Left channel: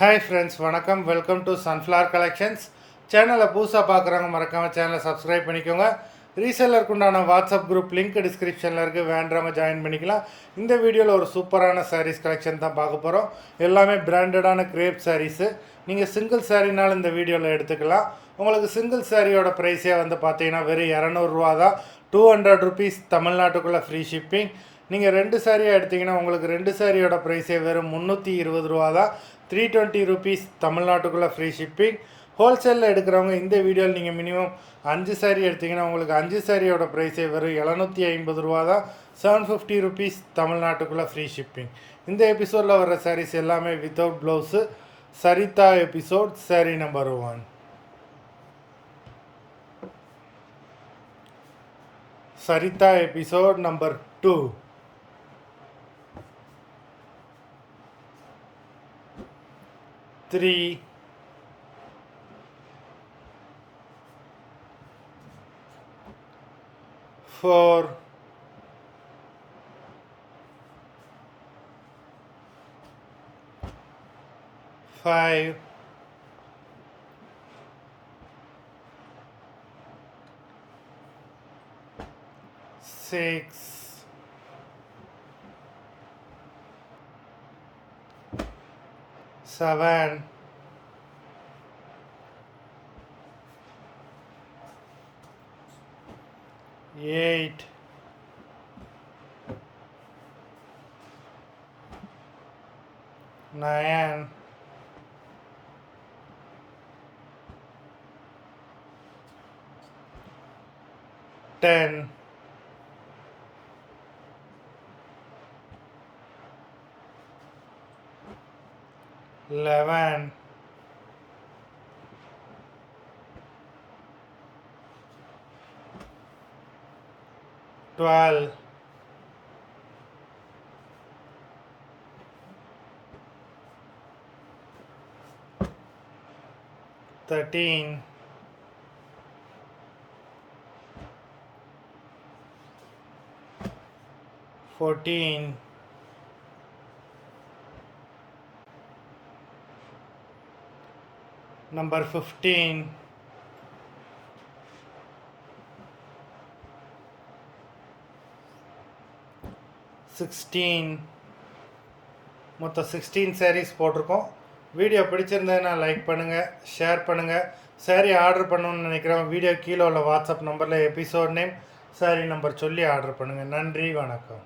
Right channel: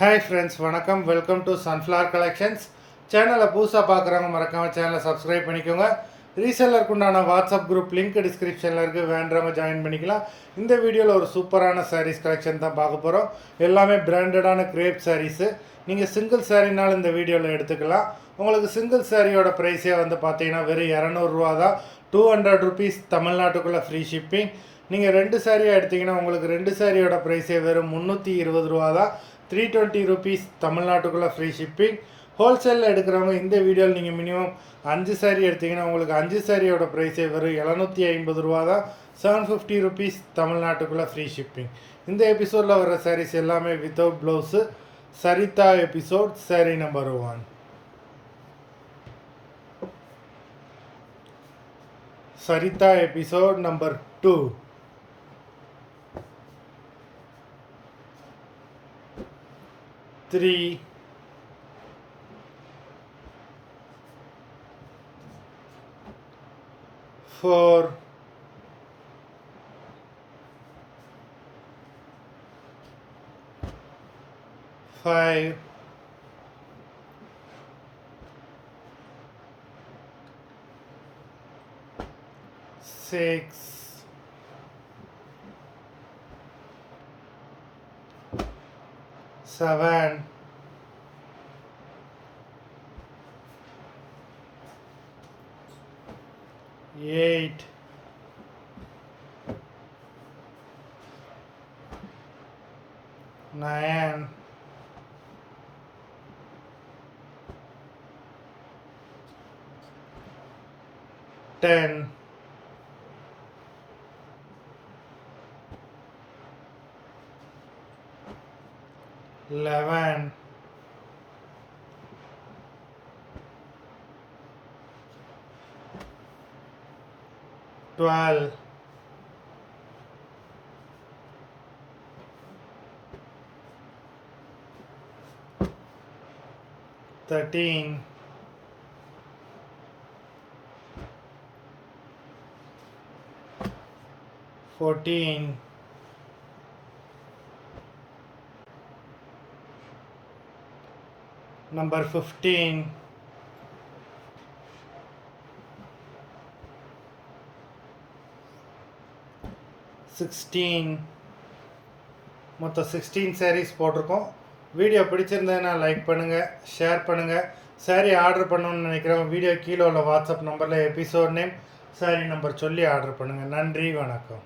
Hi friends, வணக்கம். Welcome to sunflower collections. சேனலை புதுசாக பார்க்குறவங்க மறக்காமல் சேனலை சப்ஸ்கிரைப் பண்ணிக்கோங்க. ரீசெல்லருக்கு உண்டான வாட்ஸ்அப் குரூப் லிங்க் டிஸ்கிரிப்ஷனில் இருக்குது, வேண்டவங்க ஜாயின் பண்ணிக்கலாம். இந்த வீடியோவில் ஒரு சூப்பரான சாரீஸ் கலெக்ஷன் தான் பார்க்க போகிறோம். எல்லாமே பிராண்டடான கிரேப் சாரீஸு. நீங்கள் சிங்கிள் சாரீனாலும் இந்த வீடியோவில் எடுத்துக்கலாம். உங்களுக்கு சிங்கிள் சாரியோட ப்ரைஸே வந்து பார்த்தீங்கன்னா வெறும் 200 தான். 200 ருபீஸ் தமிழ்நாட்டுக்குள்ளே ஃப்ரீ ஷிப்பிங். நீங்கள் 2 சாரியாக எடுத்திங்கன்னா உங்களுக்கு 2 சாரியோட ப்ரைஸே வெறும் 320 தான். 320 ருபீஸ் தமிழ்நாட்டுக்குள்ளே ஃப்ரீ ஷிப்பிங். ஹோல்சேலில் எடுக்கிறவங்க இந்த வீடியோவில் நீங்கள் மினிமம் 5 சாரீ எடுத்திங்கன்னா உங்களுக்கு 5 சாரியோட ப்ரைஸே வெறும் 750 தான். 750 ருபீஸ் தமிழ்நாட்டுக்குள்ளே ஃப்ரீ ஷிப்பிங். இந்த எபிசோடில் வர சாரீஸ் எல்லாமே வித்தவுட் ப்ளவுஸு. சரிதா எபிசோட் சாரீ நம்பர் 1. சரிதா எபிசோட் நம்பர் 2. 3, 4, 5, 6, 7, 8, 9, 10, 11, 12, 13, 14, 15, 16. மொத்தம் 16 சாரீஸ் போட்டிருக்கோம். வீடியோ பிடிச்சிருந்ததுன்னா லைக் பண்ணுங்கள், ஷேர் பண்ணுங்கள். சாரீ ஆர்டர் பண்ணணுன்னு நினைக்கிறவங்க வீடியோ கீழே உள்ள வாட்ஸ்அப் நம்பரில் எபிசோட் நேம், சாரீ நம்பர் சொல்லி ஆர்டர் பண்ணுங்கள். நன்றி, வணக்கம்.